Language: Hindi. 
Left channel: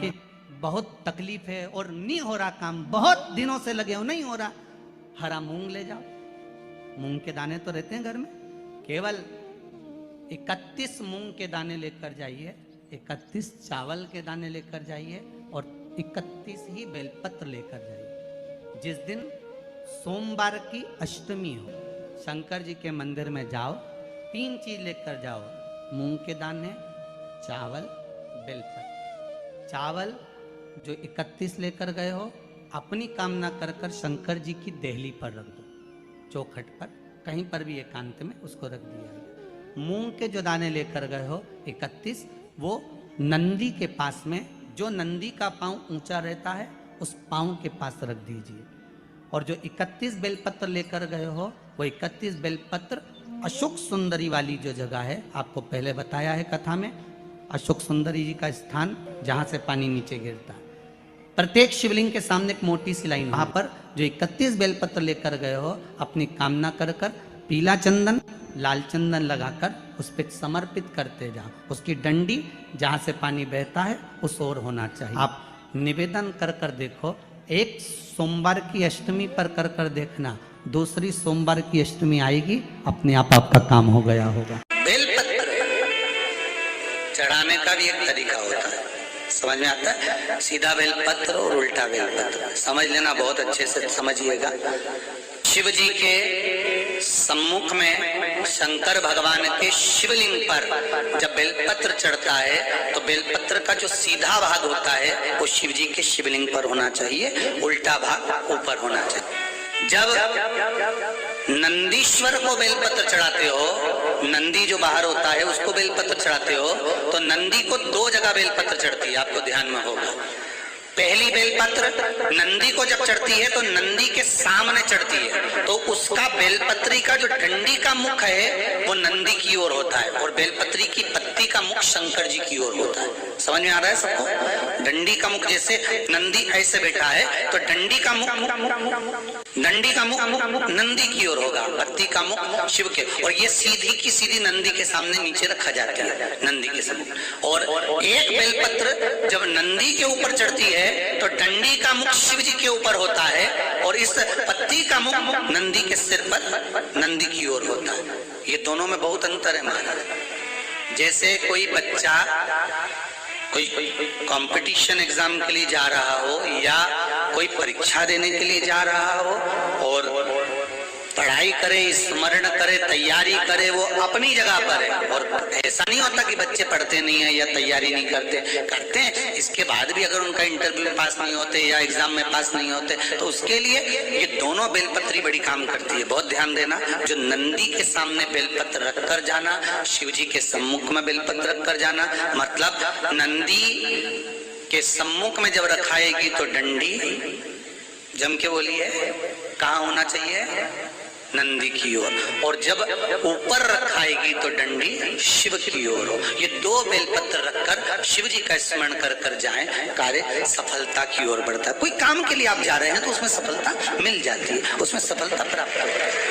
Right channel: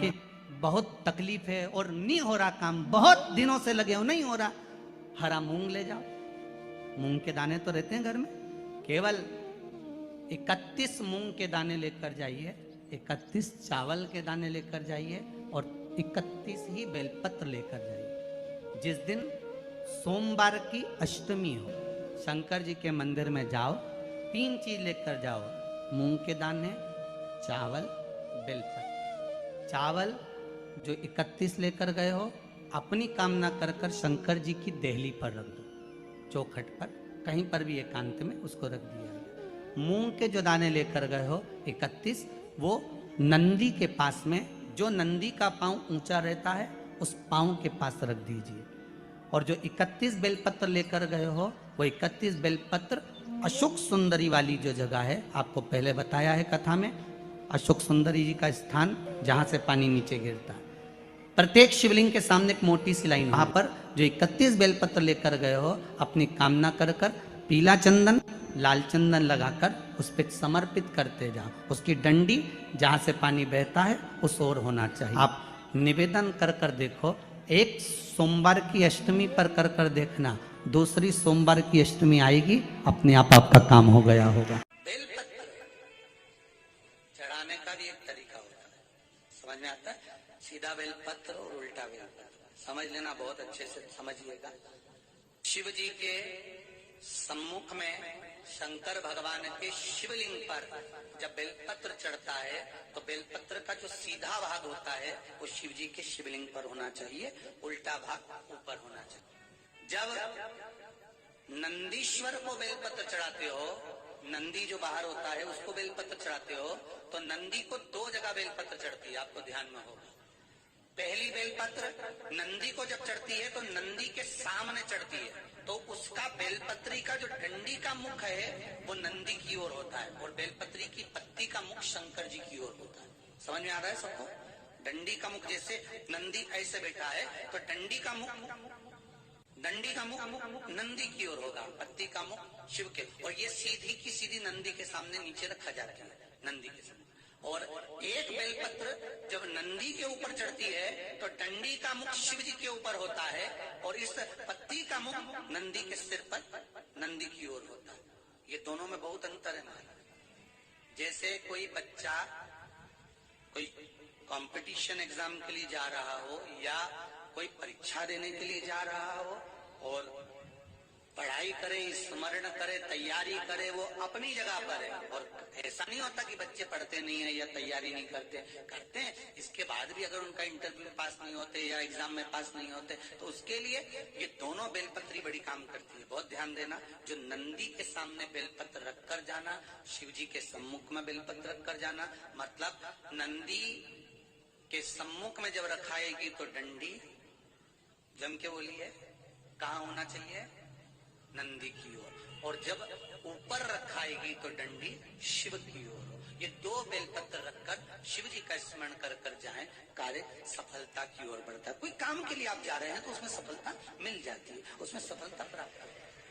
कि बहुत तकलीफ है और नहीं हो रहा काम, बहुत दिनों से लगे हो नहीं हो रहा, हरा मूंग ले जाओ। मूंग के दाने तो रहते हैं घर में, केवल 31 मूंग के दाने लेकर जाइए, 31 चावल के दाने लेकर जाइए और 31 ही बेलपत्र लेकर जाइए। जिस दिन सोमवार की अष्टमी हो, शंकर जी के मंदिर में जाओ, 3 चीज लेकर जाओ, मूंग के दाने, चावल, बेलपत्र। चावल जो 31 लेकर गए हो, अपनी कामना कर कर शंकर जी की देहली पर रख दो, चौखट पर, कहीं पर भी एकांत में उसको रख दिया। मूंग के जो दाने लेकर गए हो 31, वो नंदी के पास में, जो नंदी का पांव ऊंचा रहता है उस पांव के पास रख दीजिए। और जो 31 बेलपत्र लेकर गए हो, वो 31 बेलपत्र अशोक सुंदरी वाली जो जगह है, आपको पहले बताया है कथा में, अशोक सुंदरी जी का स्थान जहां से पानी नीचे गिरता है, प्रत्येक शिवलिंग के सामने एक मोटी सी लाइन, वहां पर जो 31 बेलपत्र लेकर गए हो, अपनी कामना कर कर पीला चंदन, लाल चंदन लगाकर उस पर समर्पित करते जाओ। उसकी डंडी जहां से पानी बहता है उस ओर होना चाहिए। आप निवेदन कर कर देखो, एक सोमवार की अष्टमी पर कर कर देखना, दूसरी सोमवार की अष्टमी आएगी, अपने आप आपका काम हो गया होगा। बेलपत्र चढ़ाने का भी एक तरीका होता है, समझ में आता है? सीधा बेलपत्र और उल्टा बेलपत्र समझ लेना, बहुत अच्छे से समझिएगा। शिव जी के सम्मुख में शंकर भगवान के शिवलिंग पर जब बेलपत्र चढ़ता है तो बेलपत्र का जो सीधा भाग होता है वो शिव जी के शिवलिंग पर होना चाहिए, उल्टा भाग ऊपर होना चाहिए। जब नंदीश्वर को बेलपत्र चढ़ाते हो, नंदी जो बाहर होता है उसको बेलपत्र चढ़ाते हो, तो नंदी को 2 जगह बेलपत्र चढ़ती है, आपको ध्यान में होगा। पहली बेलपत्र नंदी को जब चढ़ती है तो नंदी के सामने चढ़ती है, तो उसका बेलपत्री का जो डंडी का मुख है वो नंदी की ओर होता है और बेलपत्री की पत्ती का मुख शंकर जी की ओर होता है। समझ में आ रहा है सबको? डंडी का मुख, जैसे नंदी ऐसे बैठा है तो डंडी का मुख नंदी की ओर होगा, पत्ती का मुख शिव के, और ये सीधी की सीधी नंदी के सामने नीचे रखा जाता है, नंदी के सामने। और एक बेलपत्र जब नंदी के ऊपर चढ़ती है तो डंडी का मुख शिव जी के ऊपर होता है और इस पत्ती का मुख नंदी के सिर पर नंदी की ओर होता है। ये दोनों में बहुत अंतर है महाराज। जैसे कोई बच्चा कोई कंपटीशन एग्जाम के लिए जा रहा हो या कोई परीक्षा देने के लिए जा रहा हो और पढ़ाई करे, स्मरण करे, तैयारी करे, वो अपनी जगह पर है। और ऐसा नहीं होता कि बच्चे पढ़ते नहीं है या तैयारी नहीं करते हैं, इसके बाद भी अगर उनका इंटरव्यू में पास नहीं होते या एग्जाम में पास नहीं होते तो उसके लिए ये दोनों बेलपत्री बड़ी काम करती है। बहुत ध्यान देना, जो नंदी के सामने बेलपत्र रख कर जाना, शिव जी के सम्मुख में बेलपत्र रख कर जाना, मतलब नंदी के सम्मुख में जब रखाएगी तो डंडी, जम के बोलिए, कहाँ होना चाहिए? नंदी की ओर, और जब ऊपर रखाएगी तो डंडी शिव की ओर हो। ये 2 बेलपत्र रखकर शिव जी का स्मरण कर कर जाएं, कार्य सफलता की ओर बढ़ता है। कोई काम के लिए आप जा रहे हैं तो उसमें सफलता मिल जाती है, उसमें सफलता प्राप्त होती है।